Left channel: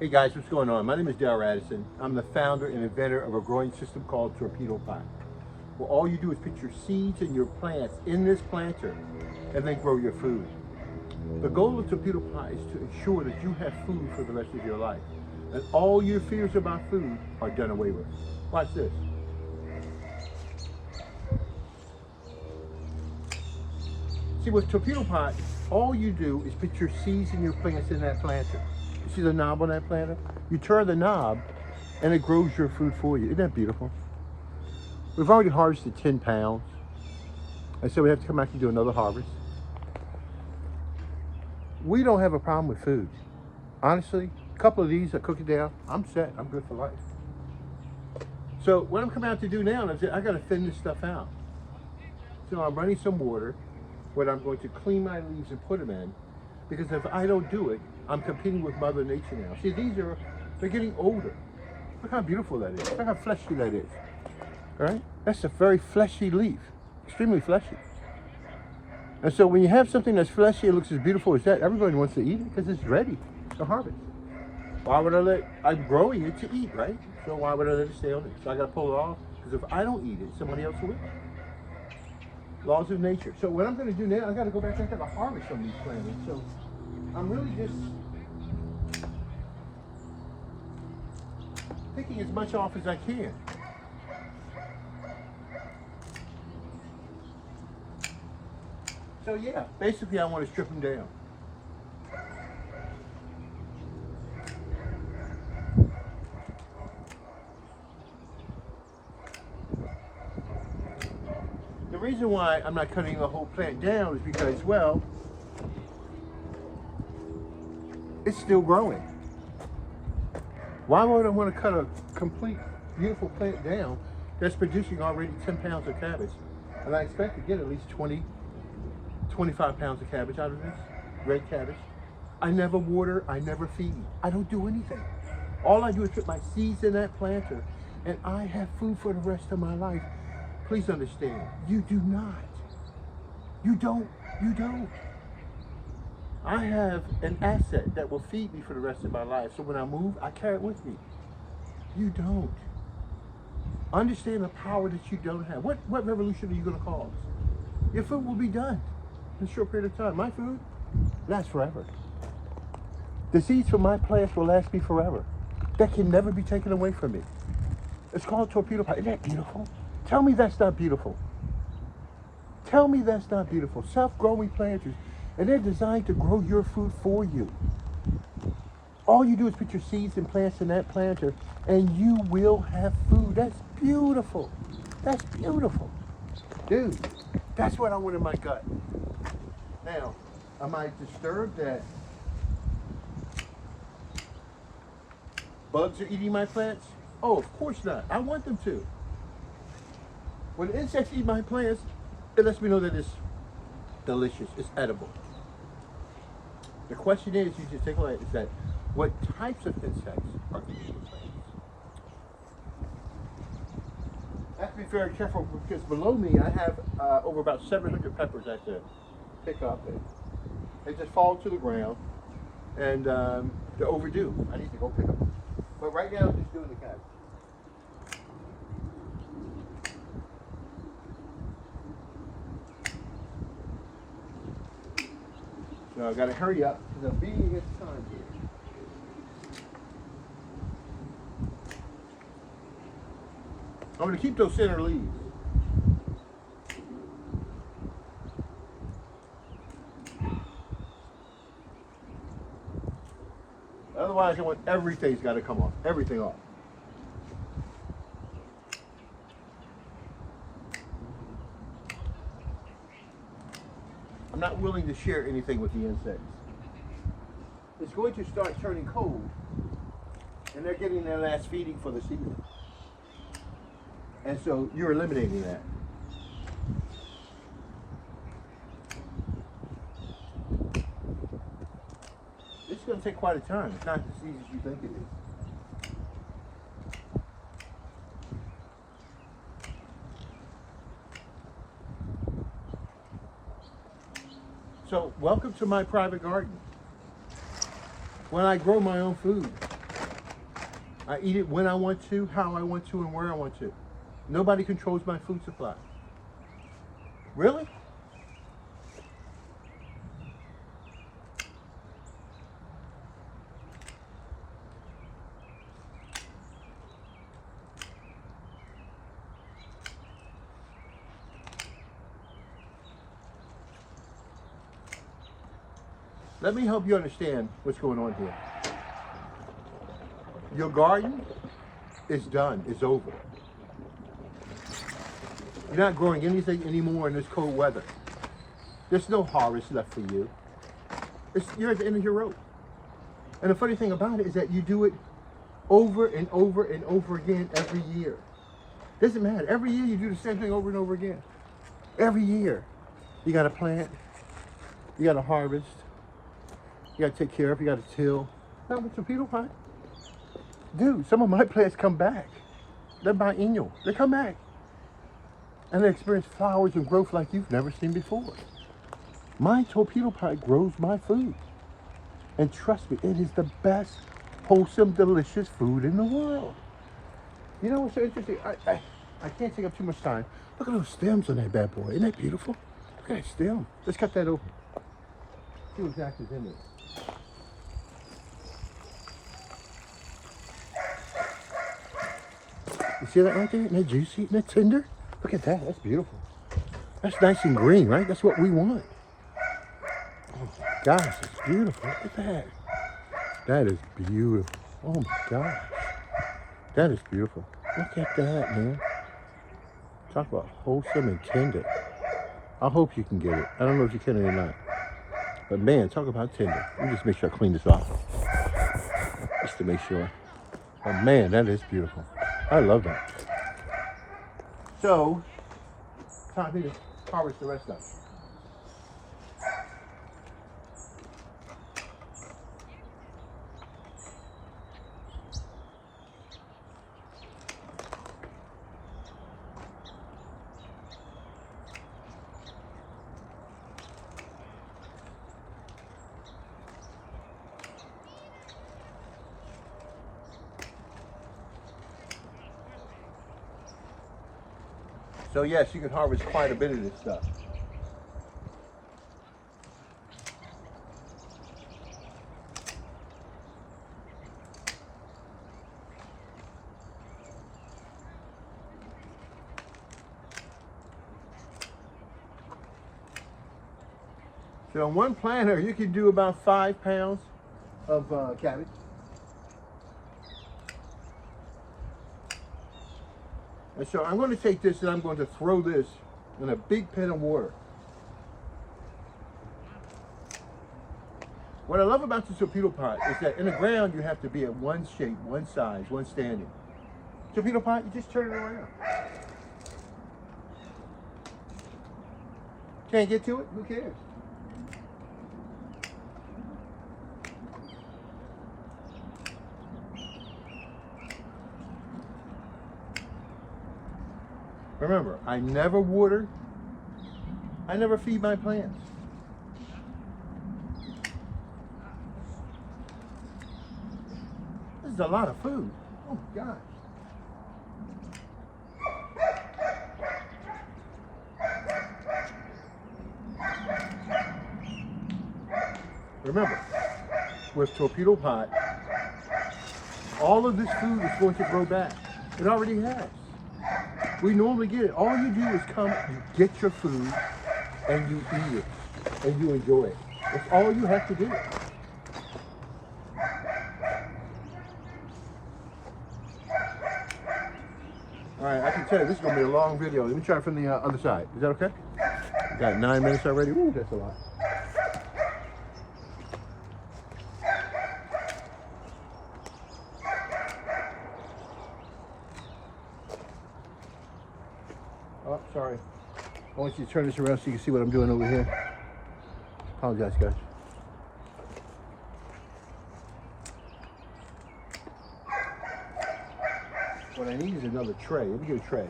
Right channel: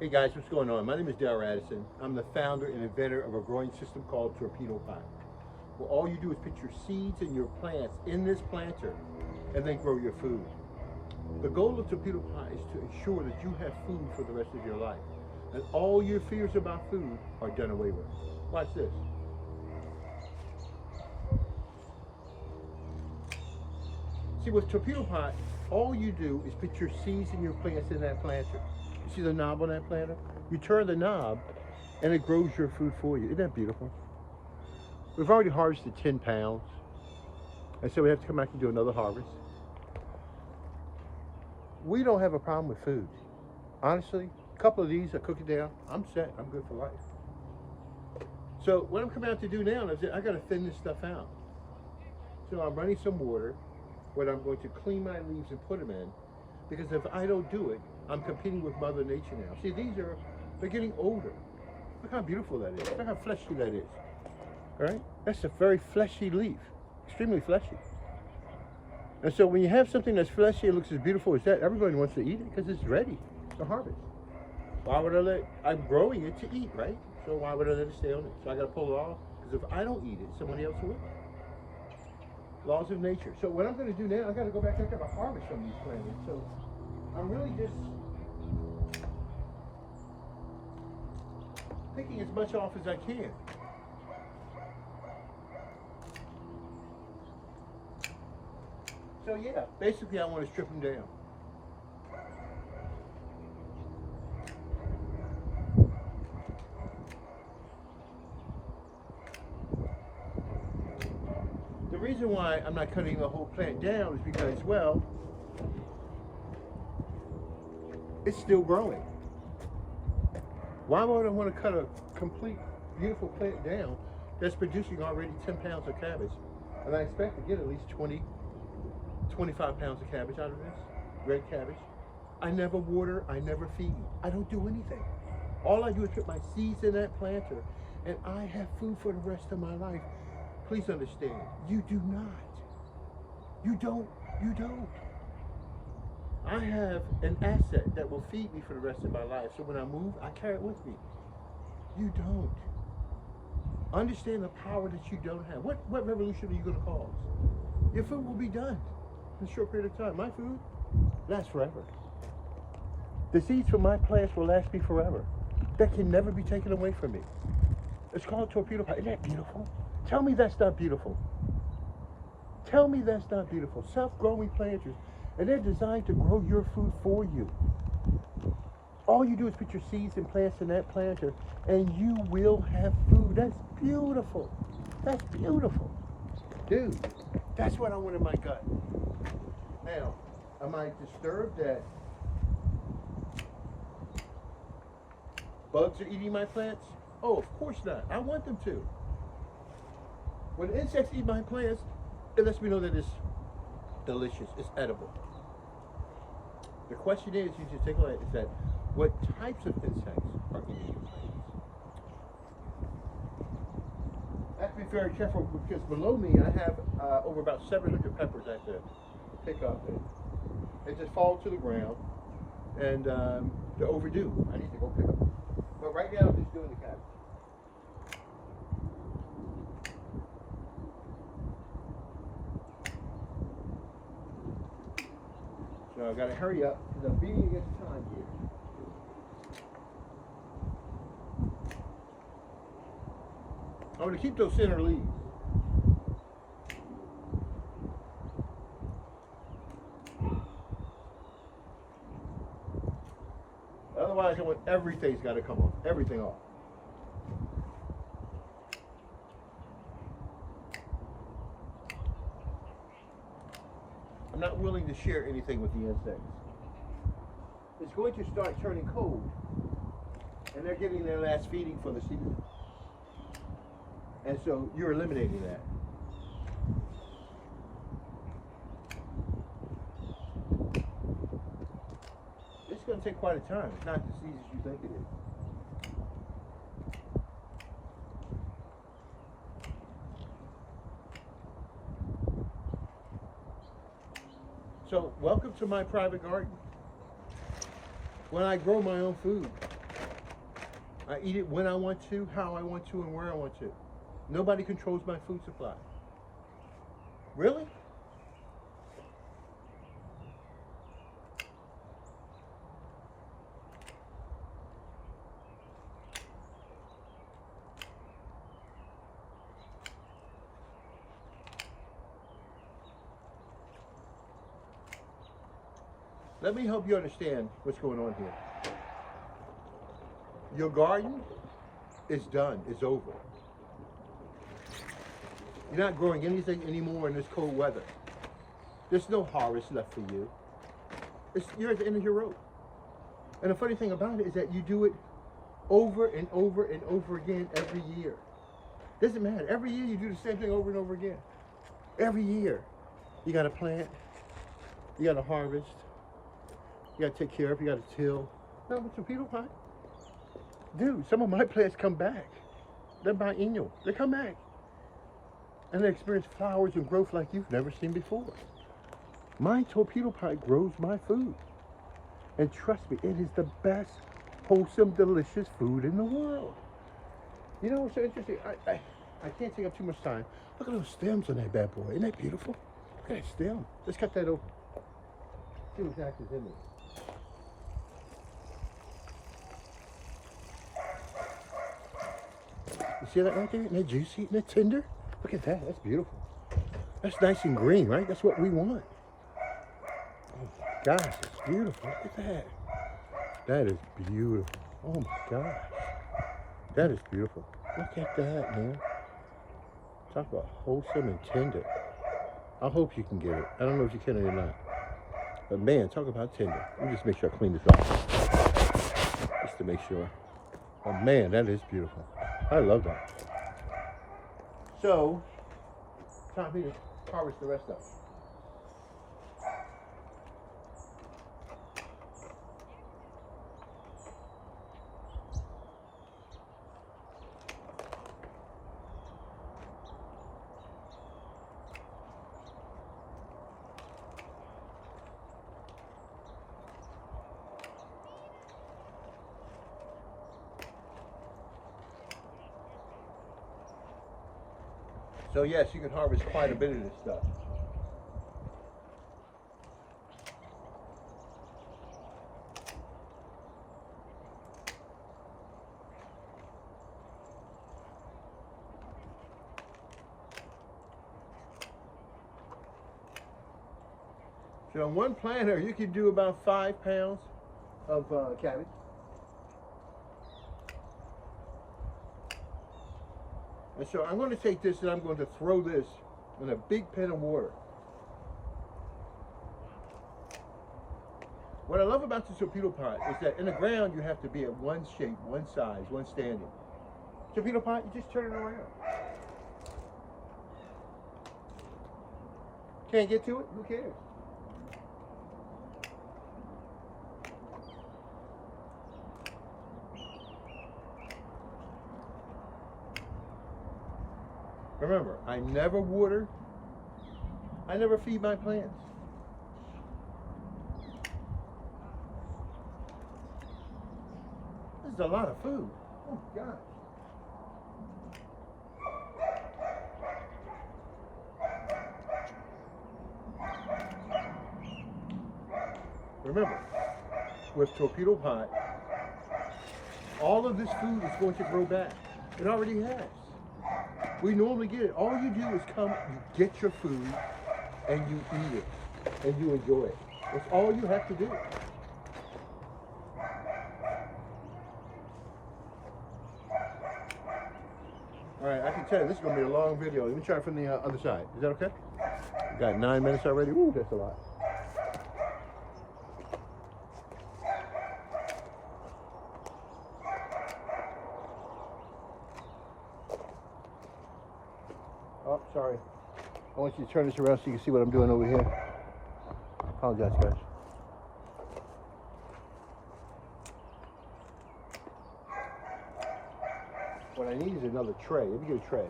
Hey guys, what's going on? My name is Dale Radisson. I'm the founder and inventor of a growing system called Torpedo Pot. Well, all you do is put your seeds and your plants in this planter and then grow your food. The goal of Torpedo Pot is to ensure that you have food for the rest of your life. And all your fears about food are done away with. Watch this. See, with Torpedo Pot, all you do is put your seeds and your plants in that planter. You see the knob on that planter? You turn the knob and it grows your food for you. Isn't that beautiful? We've already harvested 10 pounds. And so we have to come back and do another harvest. We don't have a problem with food. Honestly, a couple of these, I cook it down, I'm set, I'm good for life. So what I'm coming out to do now is I gotta thin this stuff out. So I'm running some water, where I'm going to clean my leaves and put them in, because if I don't do it, I'm competing with Mother Nature now. See, they're getting older. Look how beautiful that is. Look how fleshy that is. All right? That's a very fleshy leaf, extremely fleshy. And so when you have something that's fleshy and looks as beautiful as that, everybody wants to eat it because it's ready to harvest. Why would I'm growing it to eat, right? So why would I let it stay on it? So I gotta pull it off, because if I don't eat it, somebody else will. Laws of nature. So what I'm going to do now, I got to go back. I got to harvest from these planters. So I'm really just picking as much off as I can. So yeah, basically I want to strip them down. The reason why I'm not cutting the whole plant down is because, well, it's still growing. Why would I want to cut a complete, beautiful plant down that's producing already 10 pounds of cabbage? And I expect to get at least 20, 25 pounds of cabbage out of this, red cabbage. I never water, I never feed. I don't do anything. All I do is put my seeds in that planter, and I have food for the rest of my life. Please understand, you do not. You don't. I have an asset that will feed me for the rest of my life. So when I move, I carry it with me. You don't. Understand the power that you don't have. What revolution are you going to cause? Your food will be done in a short period of time. My food lasts forever. The seeds from my plants will last me forever. That can never be taken away from me. It's called Torpedo Pot. Isn't that beautiful? Tell me that's not beautiful. Tell me that's not beautiful. Self-growing planters, and they're designed to grow your food for you. All you do is put your seeds and plants in that planter, and you will have food. That's beautiful. That's beautiful. Dude, that's what I want in my gut. Now, am I disturbed that bugs are eating my plants? Oh, of course not. I want them to. When insects eat my plants, it lets me know that it's delicious, it's edible. The question is, you just take a look, is that what types of insects are eating your plants? I have to be very careful, because below me I have over about 700 peppers I have to pick up. And they just fall to the ground, and they're overdue. I need to go pick them. But right now I'm just doing the cabbage. So I gotta hurry up because I'm beating against time here. I'm gonna keep those center leaves. Otherwise, I want everything's gotta come off. Everything off. I'm not willing to share anything with the insects. It's going to start turning cold, and they're getting their last feeding for the season. And so you're eliminating that. It's going to take quite a time. It's not as easy as you think it is. So welcome to my private garden. When I grow my own food, I eat it when I want to, how I want to, and where I want to. Nobody controls my food supply. Really? Let me help you understand what's going on here. Your garden is done, it's over. You're not growing anything anymore in this cold weather. There's no harvest left for you. You're at the end of your rope. And the funny thing about it is that you do it over and over and over again every year. Doesn't matter. Every year you do the same thing over and over again. Every year. You got to plant. You got to harvest. You got to take care of. You got to till. Not with torpedo pot. Dude, some of my plants come back. They're biennial. They come back. And they experience flowers and growth like you've never seen before. My torpedo pot grows my food. And trust me, it is the best, wholesome, delicious food in the world. You know what's so interesting? I can't take up too much time. Look at those stems on that bad boy. Isn't that beautiful? Look at that stem. Let's cut that open. See what exactly is in there. You see that right there? Isn't that juicy? Isn't that tender? Look at that. That's beautiful. That's nice and green, right? That's what we want. Oh my gosh, it's beautiful. Look at that. That is beautiful. Oh my gosh. That is beautiful. Look at that, man. Talk about wholesome and tender. I hope you can get it. I don't know if you can or not. But man, talk about tender. Let me just make sure I clean this off. Just to make sure. But man, that is beautiful. I love that. So, time for me to harvest the rest of it. So yes, you can harvest quite a bit of this stuff. So on one planter, you can do about 5 pounds of cabbage. And so I'm going to take this and I'm going to throw this in a big pan of water. What I love about the torpedo pot is that in the ground you have to be at one shape, one size, one standing. Torpedo pot, you just turn it around. Can't get to it? Who cares? Remember, I never water, I never feed my plants. This is a lot of food. Oh my gosh. Remember, with torpedo pot, all of this food is going to grow back. It already has. We normally get it. All you do is come, you get your food, and you eat it, and you enjoy it. That's all you have to do. All right, I can tell you this is going to be a long video. Let me try from the other side. Is that okay? Got 9 minutes already. Ooh, that's a lot. Oh, sorry. I want you to turn this around so you can see what I'm doing over here. Apologize, guys. What I need is another tray. Let me get a tray.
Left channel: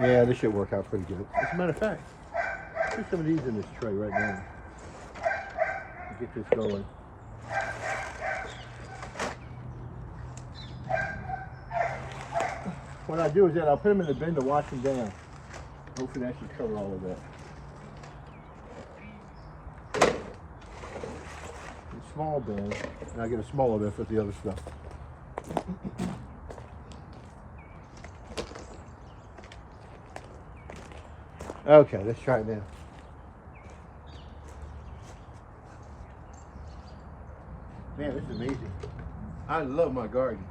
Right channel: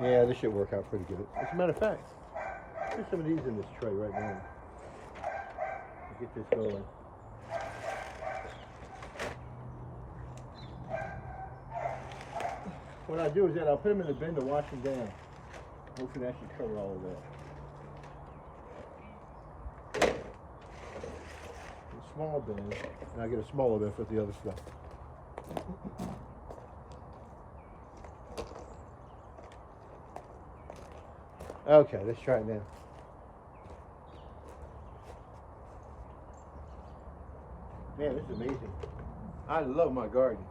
Yeah, this should work out pretty good. As a matter of fact, put some of these in this tray right now. Get this going. What I do is that I'll put them in the bin to wash them down. Hopefully that should cover all of that. A small bin, and I'll get a smaller bin for the other stuff. Okay, let's try it now. Man, this is amazing. I love my garden.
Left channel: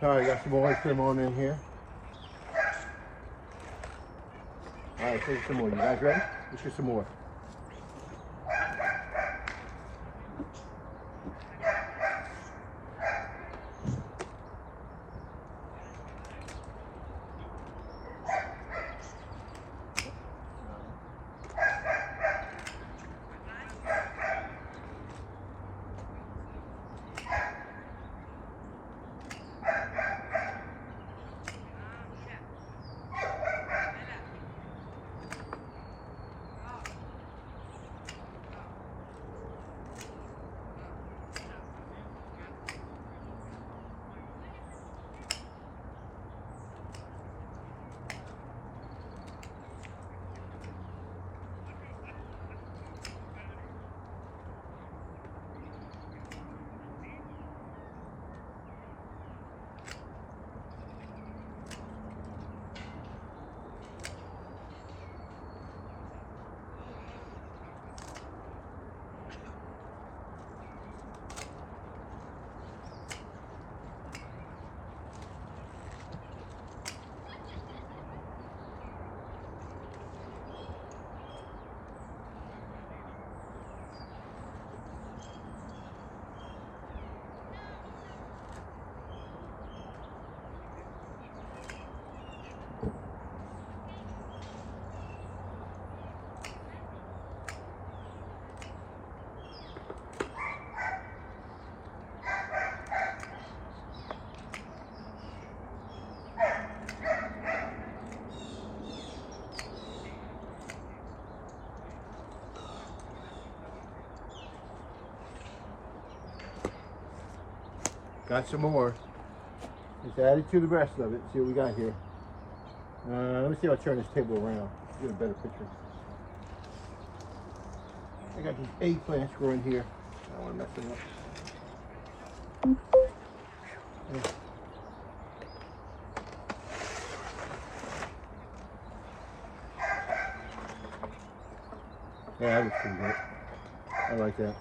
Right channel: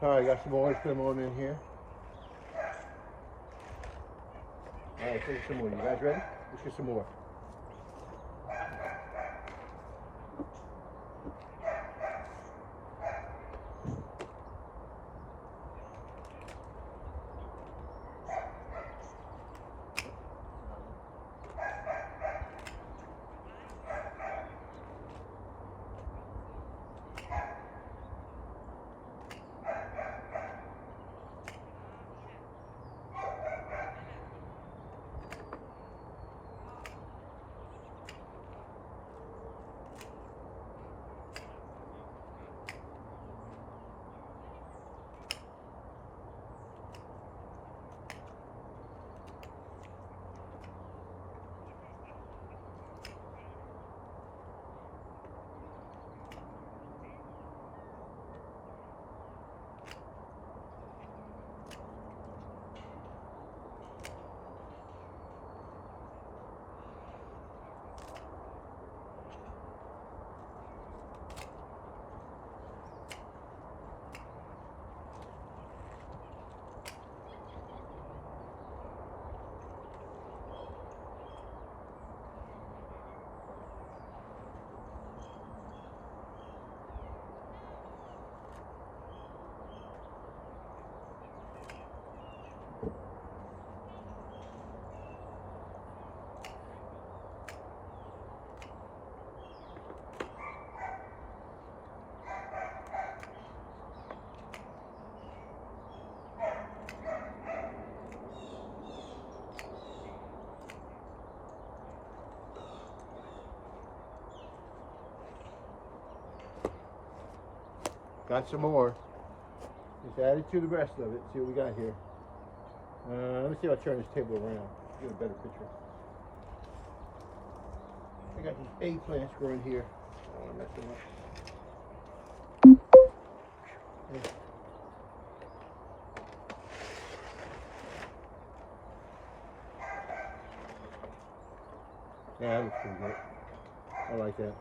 All right, got some more oyster on in here. All right, take some more. You guys ready? Let's get some more. Got some more. Just add it to the rest of it. See what we got here. Let me see if I turn this table around. Get a better picture. I got these eggplants growing here. I don't want to mess them up. Yeah, that looks pretty good. I like that.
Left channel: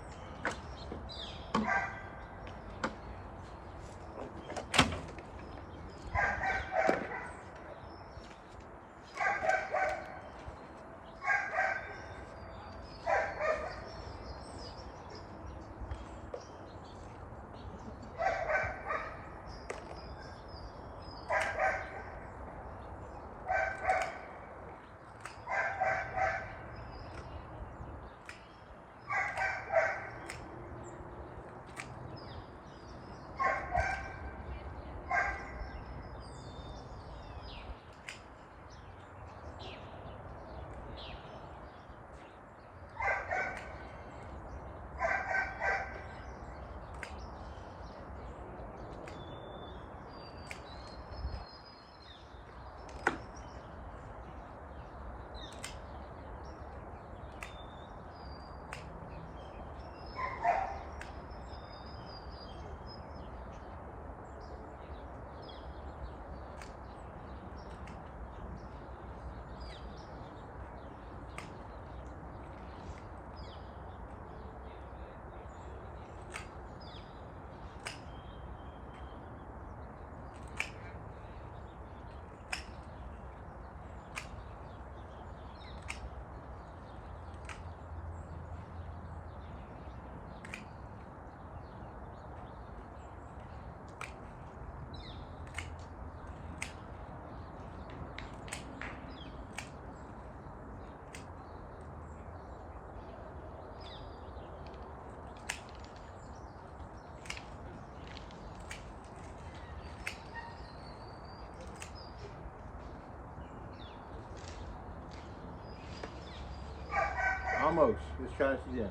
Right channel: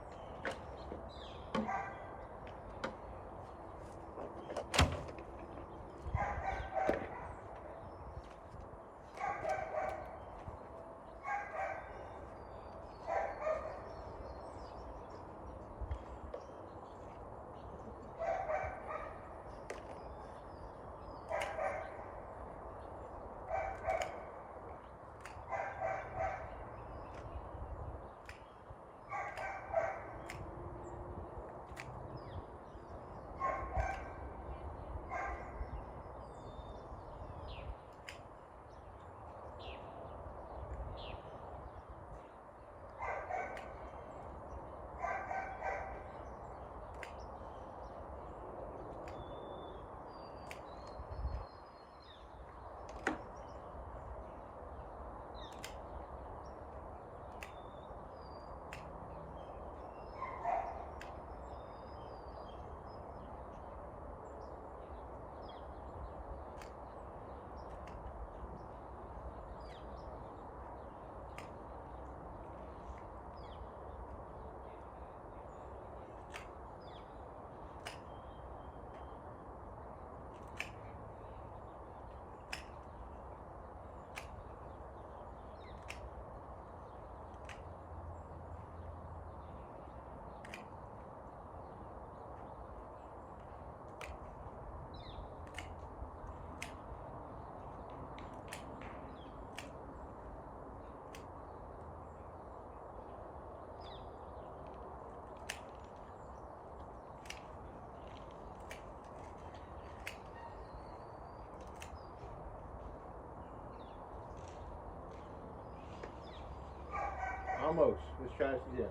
Almost. Let's try this again.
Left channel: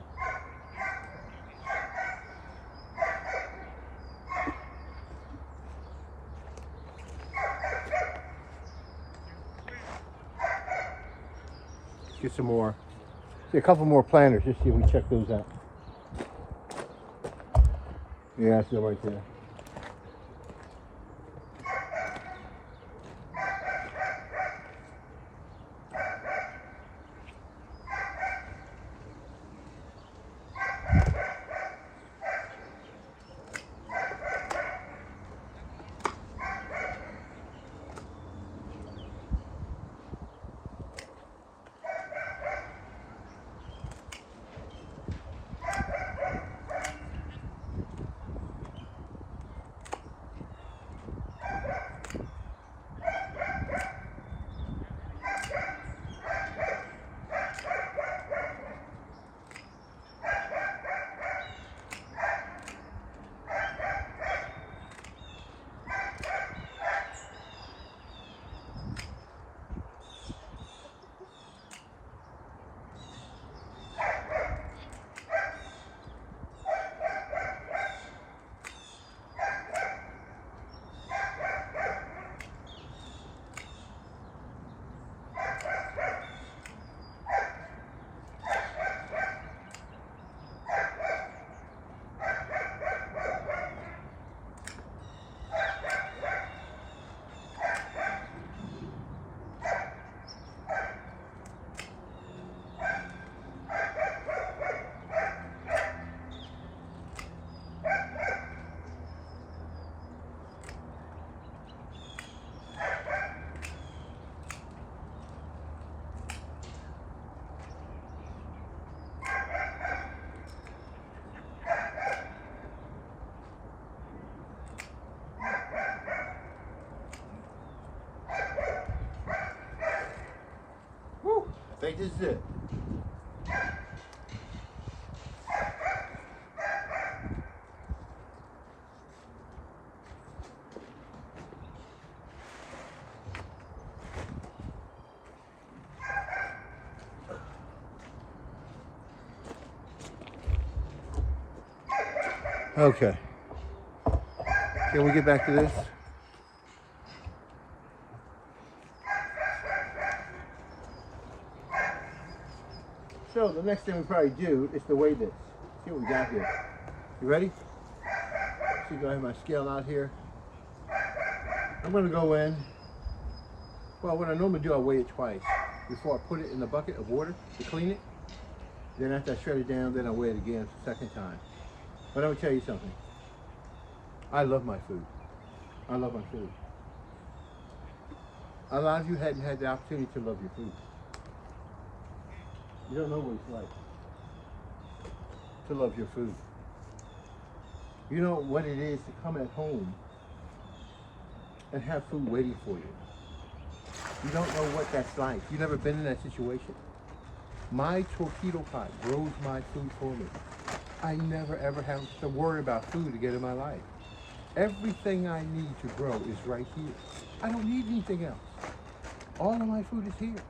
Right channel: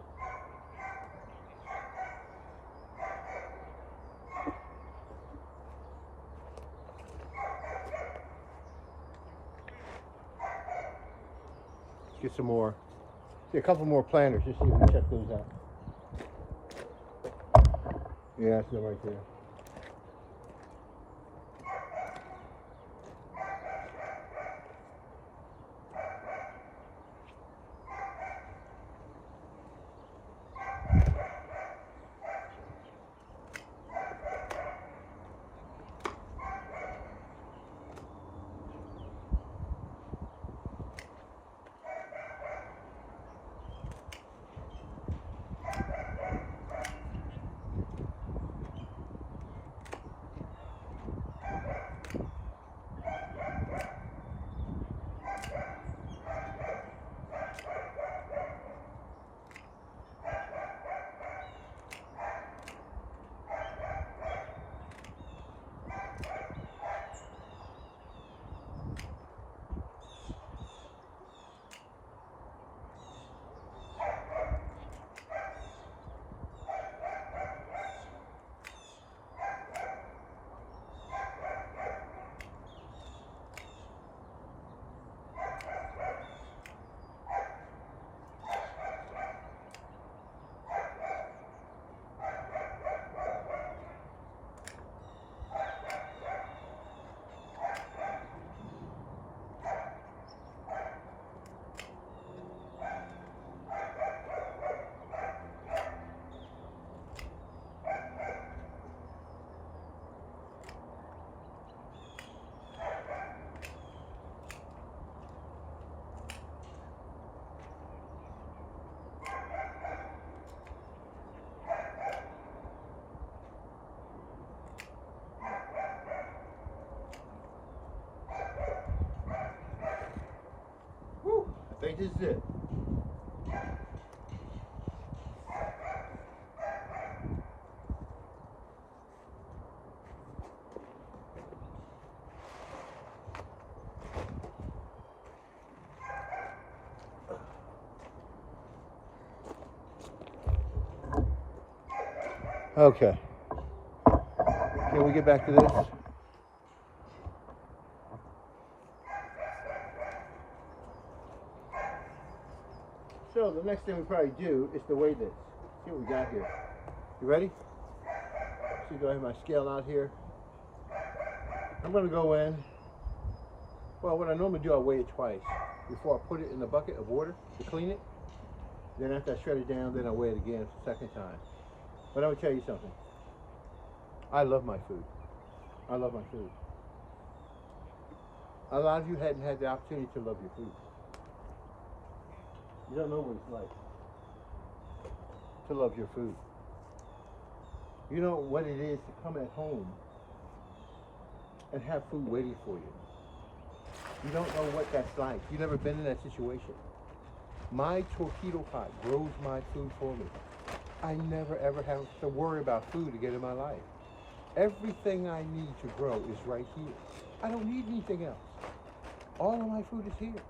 Let's get some more. See, a couple more planters, just see if we can check those out. Yeah, still right there. I think this is it. Okay. Can we get back to this? So the next thing we probably do is to weigh this. See what we got here. You ready? So go ahead, my scale out here. I'm gonna go in. Well, what I normally do, I weigh it twice before I put it in the bucket of water to clean it. Then after I shred it down, then I weigh it again for the second time. But I'm gonna tell you something. I love my food. I love my food. A lot of you hadn't had the opportunity to love your food. You don't know what it's like to love your food. You know what it is to come at home and have food waiting for you. You don't know what that's like. You've never been in that situation. My torpedo pot grows my food for me. I never ever have to worry about food again in my life. Everything I need to grow is right here. I don't need anything else. All of my food is here.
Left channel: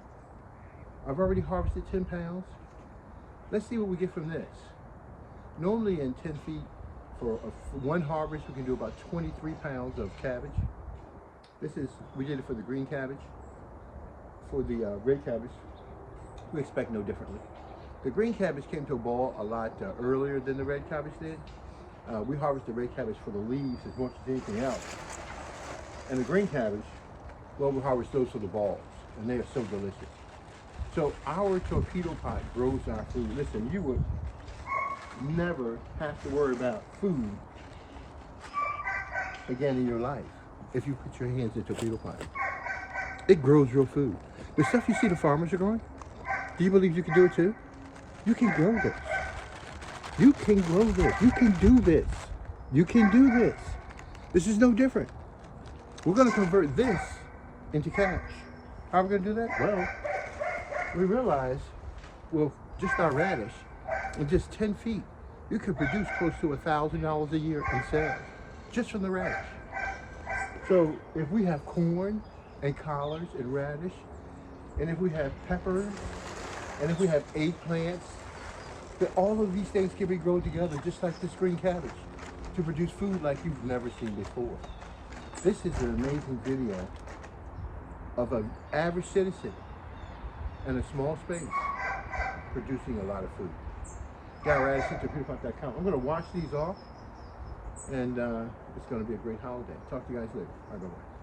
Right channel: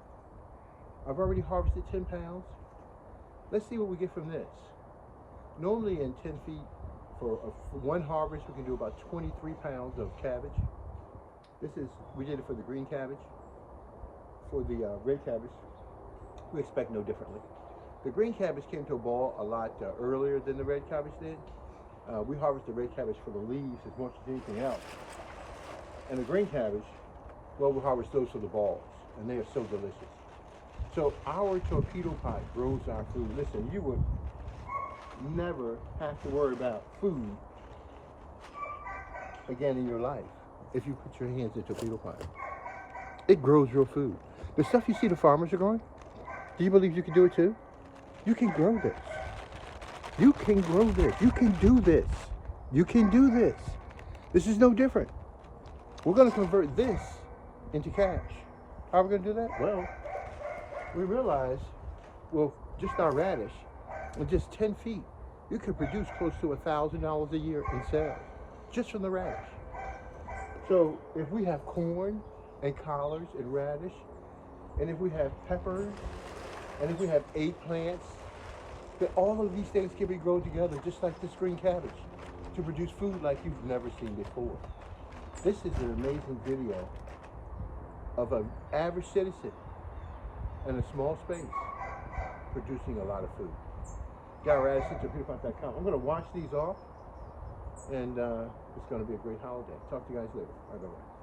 I've already harvested 10 pounds. Let's see what we get from this. Normally in 10 feet, for one harvest, we can do about 23 pounds of cabbage. We did it for the green cabbage. For the red cabbage, we expect no differently. The green cabbage came to a ball a lot earlier than the red cabbage did. We harvest the red cabbage for the leaves as much as anything else. And the green cabbage, well, we harvest those for the balls, and they are so delicious. So our torpedo pot grows our food. Listen, you would never have to worry about food again in your life if you put your hands in a torpedo pot. It grows your food. The stuff you see the farmers are growing, do you believe you can do it too? You can grow this. You can grow this. You can do this. You can do this. This is no different. We're going to convert this into cash. How are we going to do that? Well, we realize, well, just our radish, in just 10 feet, you could produce close to $1,000 a year in sales, just from the radish. So if we have corn and collards and radish, and if we have peppers And if we have eggplants, that all of these things can be grown together, just like this green cabbage, to produce food like you've never seen before. This is an amazing video of an average citizen in a small space producing a lot of food. GuyRadisson@PewDiePie.com. I'm going to wash these off, and it's going to be a great holiday. Talk to you guys later. Bye-bye.